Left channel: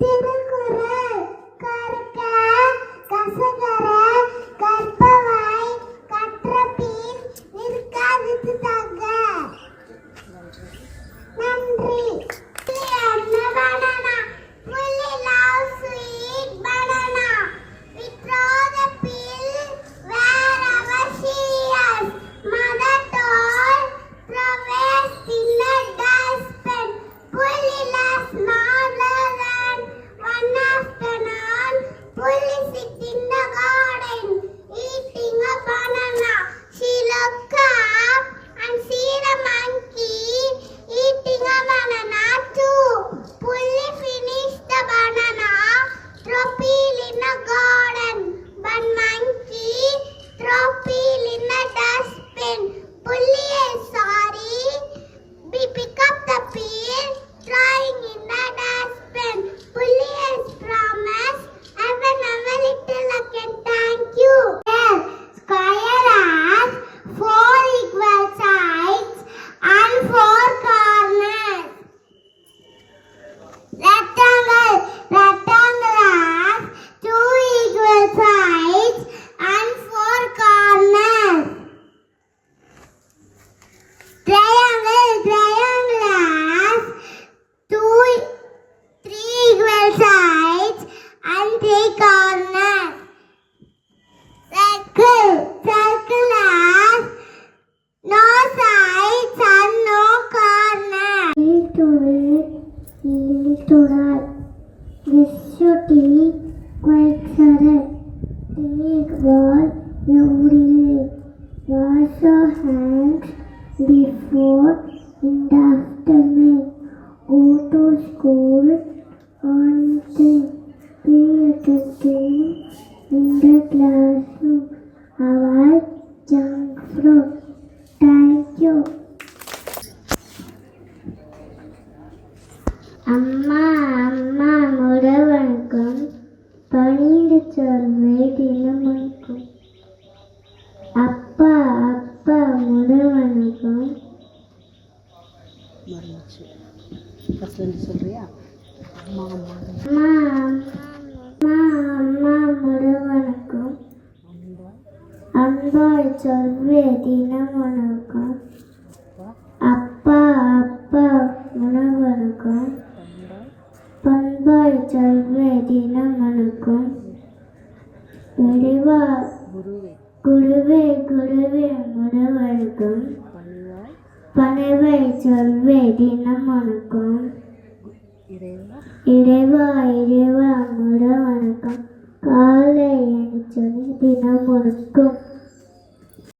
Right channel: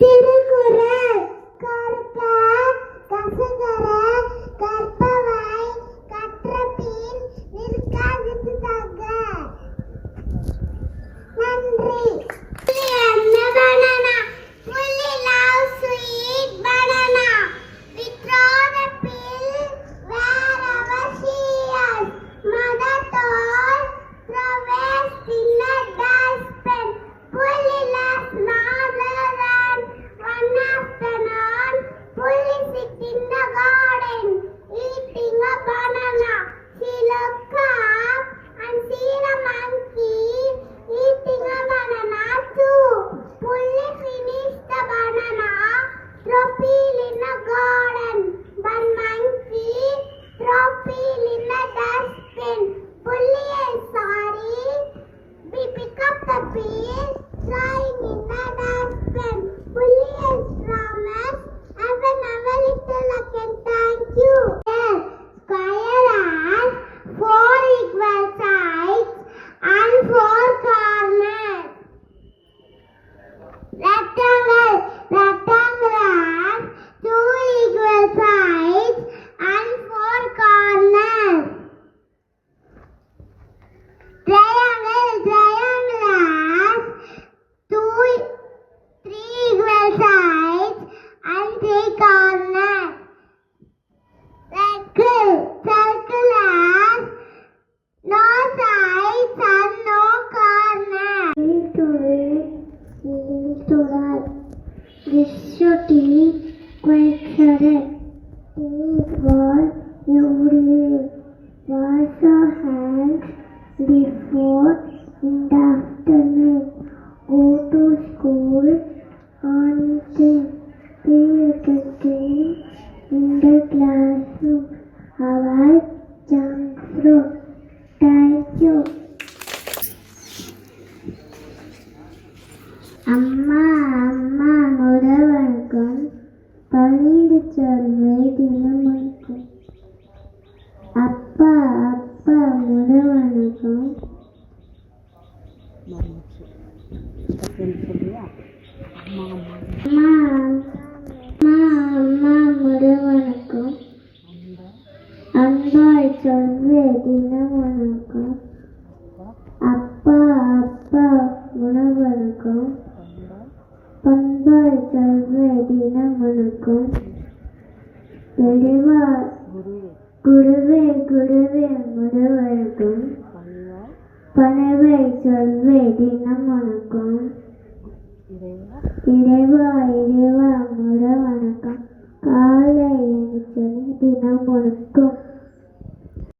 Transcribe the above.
திருக்குறள் கற்க கசகர கற்பவை கற்றபின் நிற்காதித்து தக. நன்றி. என்ன banana? Fully love sweet banana. We throw the pill wherever she is. Mother told throw waste in the dustbin. Fully loves smaller than one afternoon. Fully sit in the garden eating a banana. She looked up and see the monkey eating a banana too. Fully finished the banana, throw peel in the garden. But monkey throw peel in the dustbin. Fully is sorry, we pick up the peel, throwing in the dustbin. Fully is promise, I will never little again. Thank you. Square has 4 equal sides and 4 corners. Rectangle has 2 equal sides and 4 corners. Triangle has 3 equal sides and 3 corners. Circle has no sides and no corners. Gishoti Quaksare Take ball every wash your hands before in the afternoon. Go to school on time. Pay attention in the classroom. Avoid junk food. Thank you. அம்மா அம்மா முடவனுக்கும் பணிந்து சொல்வே தினமனுக்கும். அப்பா அப்பா முடவனுக்கும் அம்மா அம்மா முடவனுக்கும் அன்பாய் சொல்வே தினமனுக்கும். அப்பா அப்பா முடவனுக்கும் பண்பாய் சொல்வே தினமனுக்கும். குருவே குருவே முடவனுக்கும் பணிவை சொல்வே தினமனுக்கும். இறைவா இறைவா முடவனுக்கும் காலை என சொல்லி தினமனுக்கும்.